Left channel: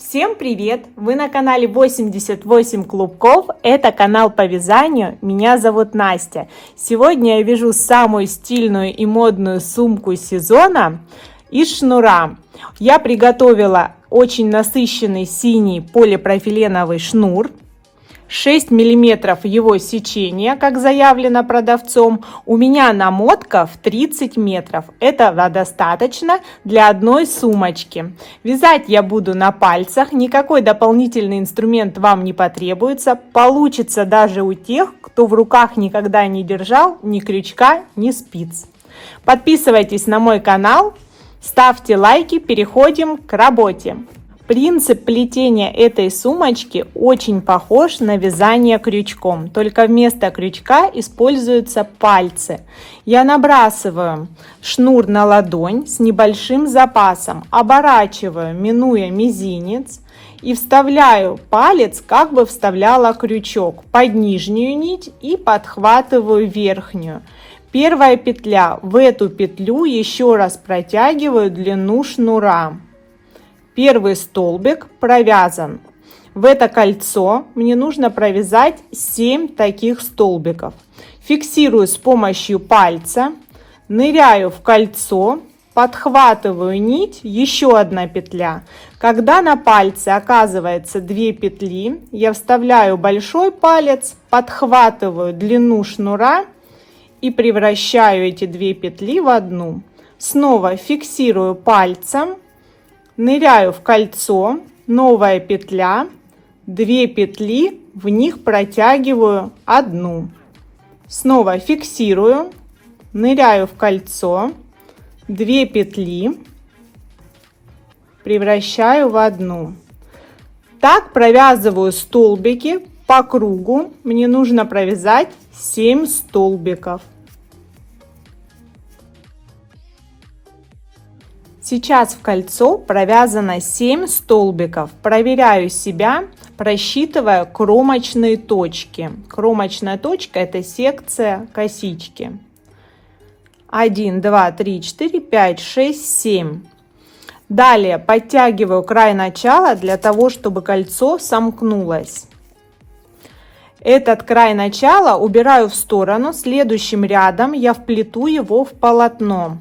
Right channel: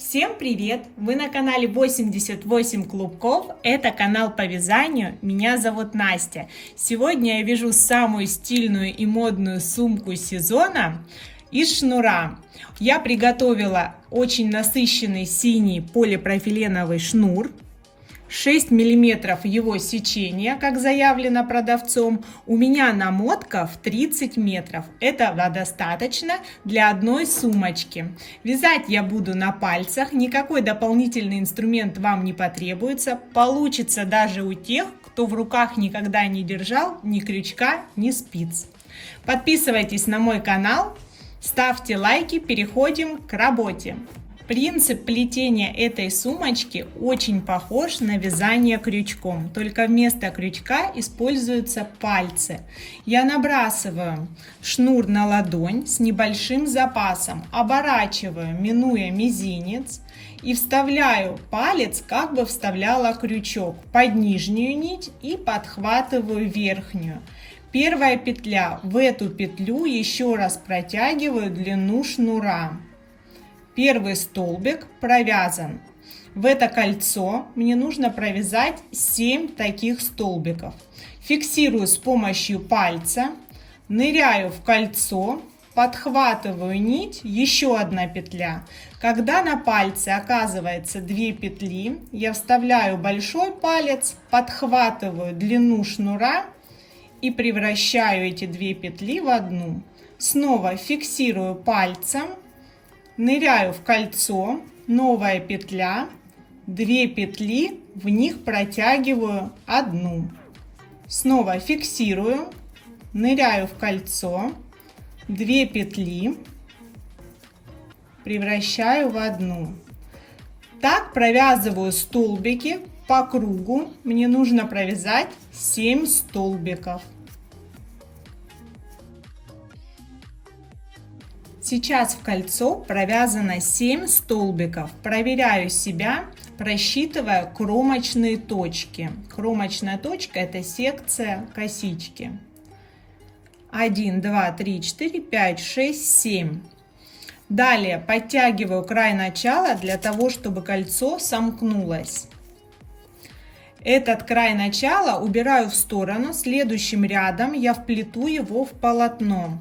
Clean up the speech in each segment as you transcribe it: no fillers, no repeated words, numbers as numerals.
Всем привет! Вы на канале 88 клубков. Это канал по вязанию. Меня зовут Настя. Сегодня я вяжу самую стильную и модную сумку сезона из шнура. Я приготовила очень насыщенный синий полипропиленовый шнур. 6 миллиметров его сечения, как заявлено продавцом. У меня намотка в 30 метров. Этого достаточно для одной сумочки. Вязать я буду на пальцах. Никакой дополнительный инструмент вам не потребуется. Получится даже у тех, кто в руках никогда не держал ни крючка, ни спиц. Подписывайтесь на мой канал, ставьте лайки, переходим к работе. Принцип плетения этой сумочки очень похож на вязание крючком, только вместо крючка используются пальцы. Я набрасываю шнур на ладонь с небольшим запасом, оборачиваю, минуя мизинец, и вставляю палец, как бы вставляла крючок, под нижнюю нить и подхватываю верхнюю. Первая петля, в эту петлю еще раз протягиваю длину шнура. Первый столбик провязан. В это кольцо мне нужно провязать 7 таких столбиков. Фиксирую с помощью пальца, ныряю в кольцо, подхватываю нить, еще одна петля. Когда на пальце оказывается 2 петли, я вставляю большой палец, подхватываю длину шнура и превращаю эти 2 петли в одну. Снова фиксирую пальцем, ныряю в кольцо, новая петля, 2 петли, в них протягиваю одну. Снова фиксирую, ныряю в кольцо, 2 петли, превращаю в одну. Так провязываю столбики по кругу. Мне нужно провязать 7 столбиков. Сейчас в кольцо провязано 7 столбиков. Проверяю себя, просчитывая кромочные точки. Кромочная точка — это секция косички. 1, 2, 3, 4, 5, 6, 7. Далее подтягиваю край начала для того, чтобы кольцо сомкнулось. Этот край начала убираю в сторону. Следующим рядом я вплету его в полотно.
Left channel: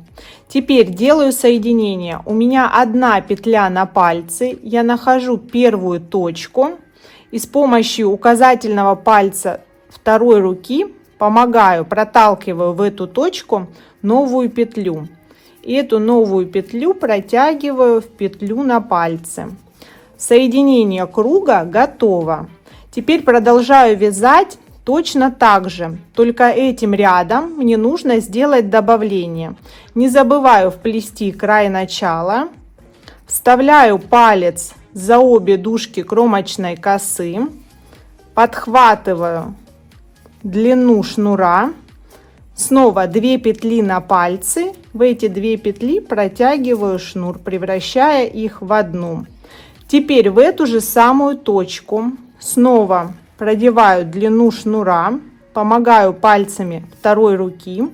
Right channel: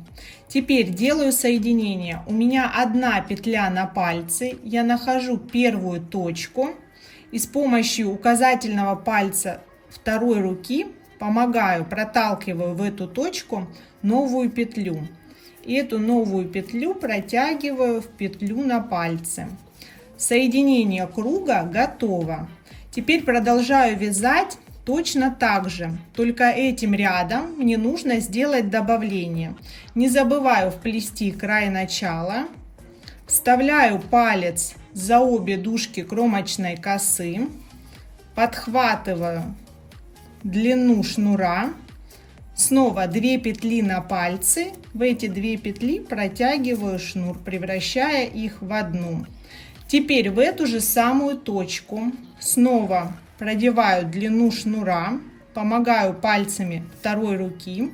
Теперь делаю соединение. У меня одна петля на пальце. Я нахожу первую точку и с помощью указательного пальца второй руки помогаю, проталкиваю в эту точку новую петлю. И эту новую петлю протягиваю в петлю на пальце. Соединение круга готово. Теперь продолжаю вязать точно так же, только этим рядом мне нужно сделать добавление. Не забываю вплести край начала, вставляю палец за обе дужки кромочной косы, подхватываю длину шнура, снова 2 петли на пальцы, в эти 2 петли протягиваю шнур, превращая их в одну. Теперь в эту же самую точку снова продеваю длину шнура, помогаю пальцами второй руки,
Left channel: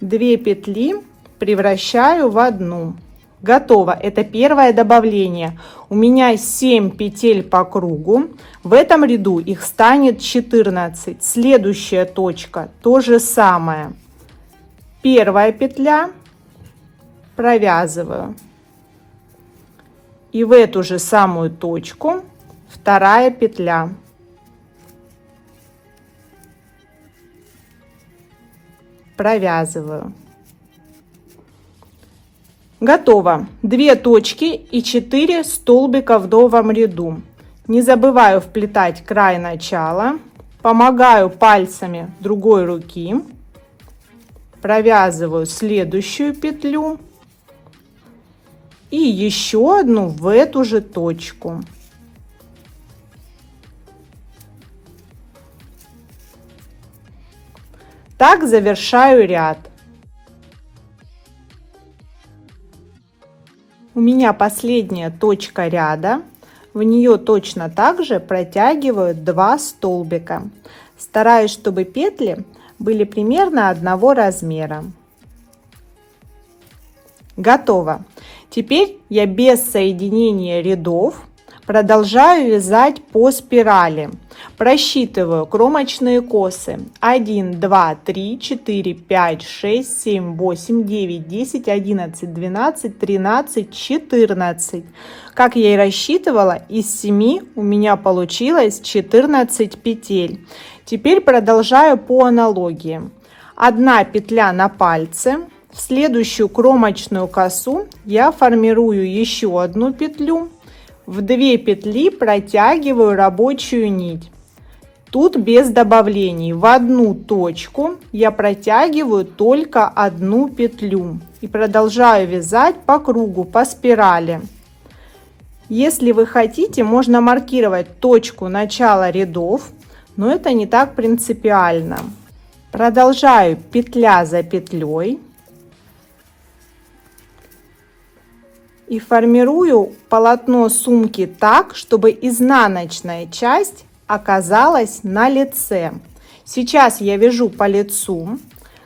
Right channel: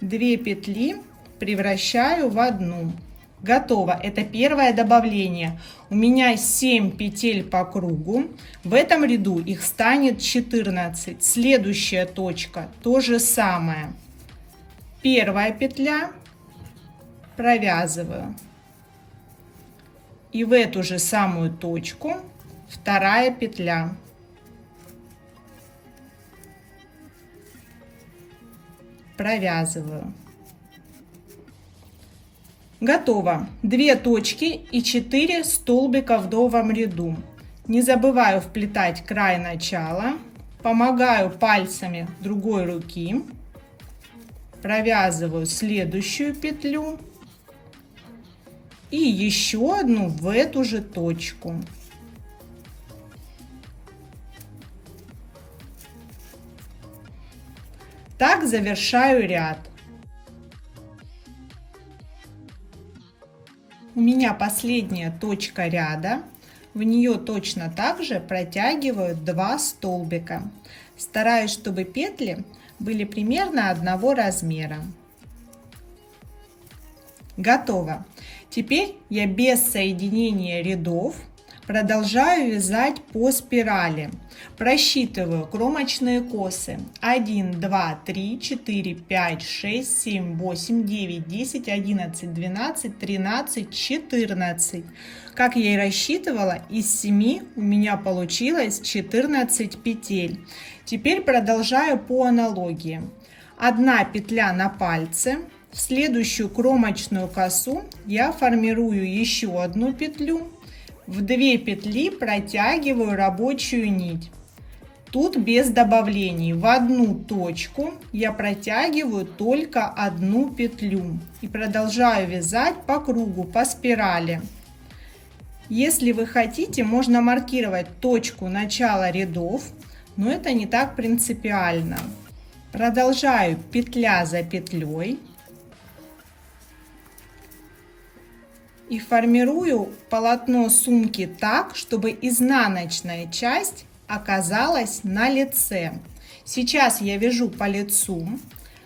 2 петли превращаю в одну. Готово. Это первое добавление. У меня 7 петель по кругу. В этом ряду их станет 14. Следующая точка то же самое. Первая петля, провязываю. И в эту же самую точку вторая петля. Провязываю. Готово. 2 точки и 4 столбика в новом ряду. Не забываю вплетать край начала. Помогаю пальцами другой руки. Провязываю следующую петлю. И еще одну в эту же точку. Так завершаю ряд. У меня последняя точка ряда. В нее точно так же протягиваю 2 столбика. Стараюсь, чтобы петли были примерно одного размера. Готово. Теперь я без соединения рядов продолжаю вязать по спирали. Просчитываю кромочные косы 1, 2, 3, 4, 5, 6, 7, 8, 9, 10, 11, 12, 13, 14. Как я и рассчитывала, из 7 у меня получилось 14 петель. Теперь продолжаю по аналогии. 1 петля на пальце. В следующую кромочную косу я формирую еще 1 петлю. В 2 петли протягиваю рабочую нить. Тут без добавлений. В одну точку я протягиваю только 1 петлю и продолжаю вязать по кругу, по спирали. Если вы хотите, можно маркировать точку начала рядов, но это не так принципиально. Продолжаю петля за петлей. И формирую полотно сумки так, чтобы изнаночная часть оказалась на лице. Сейчас я вяжу по лицу,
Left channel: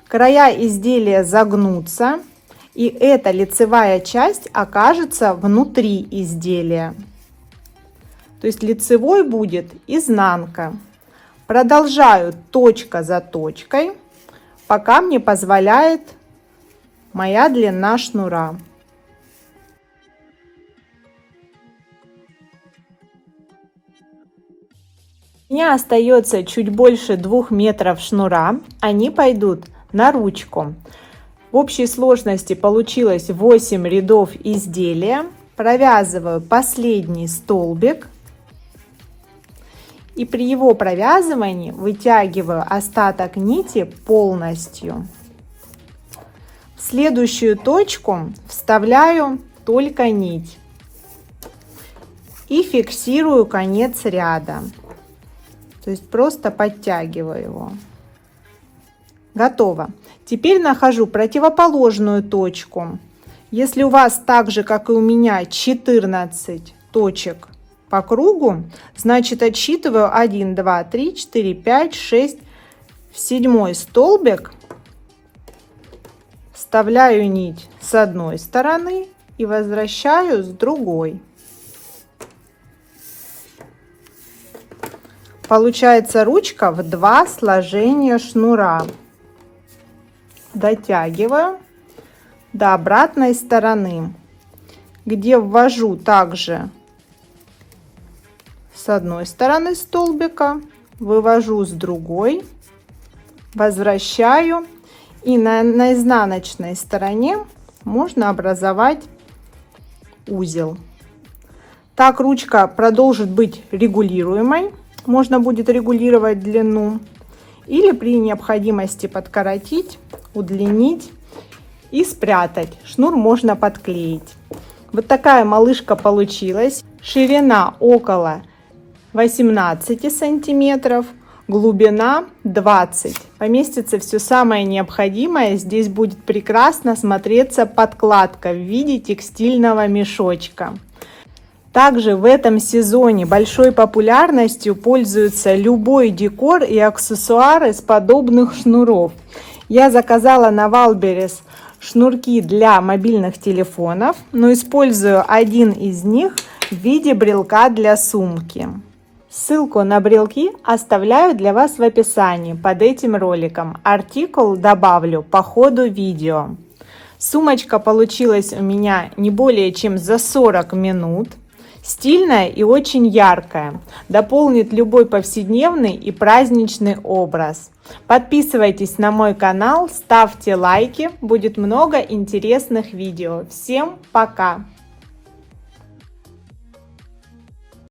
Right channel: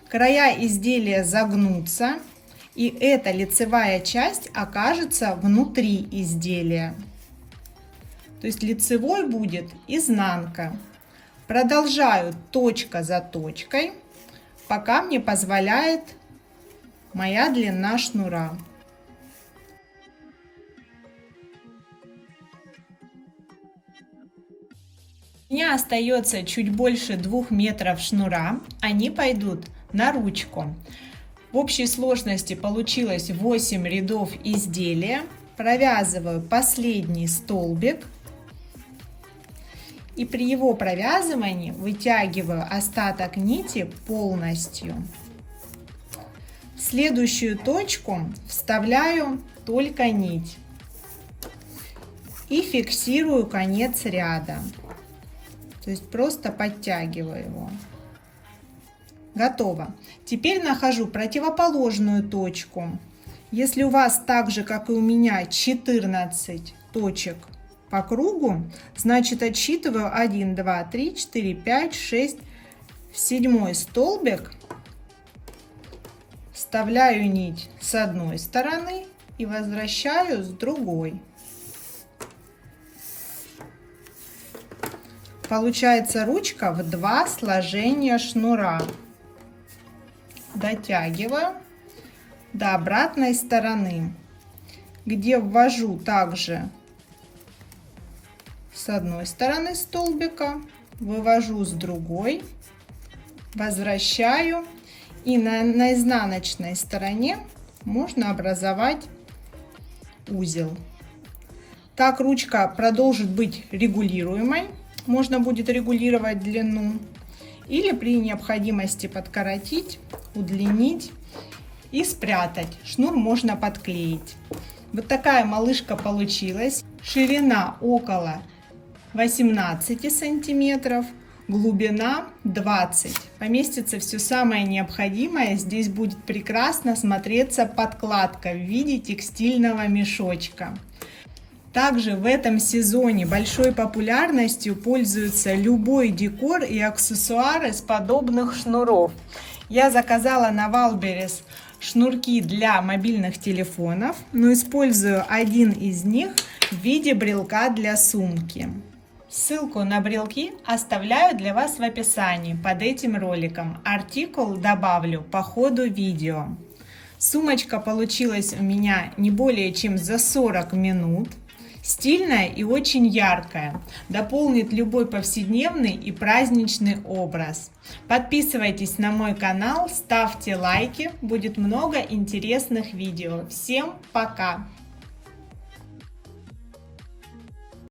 края изделия загнутся, и эта лицевая часть окажется внутри изделия. То есть лицевой будет изнанка. Продолжаю точка за точкой, пока мне позволяет моя длина шнура. У меня остается чуть больше 2 метров шнура, они пойдут на ручку. В общей сложности получилось 8 рядов изделия. Провязываю последний столбик и при его провязывании вытягиваю остаток нити полностью. В следующую точку вставляю только нить и фиксирую конец ряда. То есть просто подтягиваю его. Готово. Теперь нахожу противоположную точку. Если у вас так же, как и у меня, 14 точек по кругу, значит отсчитываю 1, 2, 3, 4, 5, 6, в 7 столбик вставляю нить с одной стороны и возвращаю с другой. Получается ручка в 2 сложения шнура. Дотягиваю до обратной стороны, где ввожу также с одной стороны столбика, вывожу с другой, возвращаю, и на изнаночной стороне можно образовать узел. Так ручка продолжит быть регулируемой. Можно будет регулировать длину или при необходимости подкоротить, удлинить и спрятать. Шнур можно подклеить. Вот такая малышка получилась. Ширина около 18 сантиметров, глубина 20. Поместится все самое необходимое. Здесь будет прекрасно смотреться подкладка в виде текстильного мешочка. Также в этом сезоне большой популярностью пользуется любой декор и аксессуары с подобных шнуров. Я заказала на Валберес шнурки для мобильных телефонов, но использую один из них в виде брелка для сумки. Ссылку на брелки оставляю для вас в описании под этим роликом. Артикул добавлю по ходу видео. Сумочка получилась у меня не более чем за 40 минут. Стильная и очень яркая. Дополнит любой повседневный и праздничный образ. Подписывайтесь на мой канал, ставьте лайки. Будет много интересных видео. Всем пока!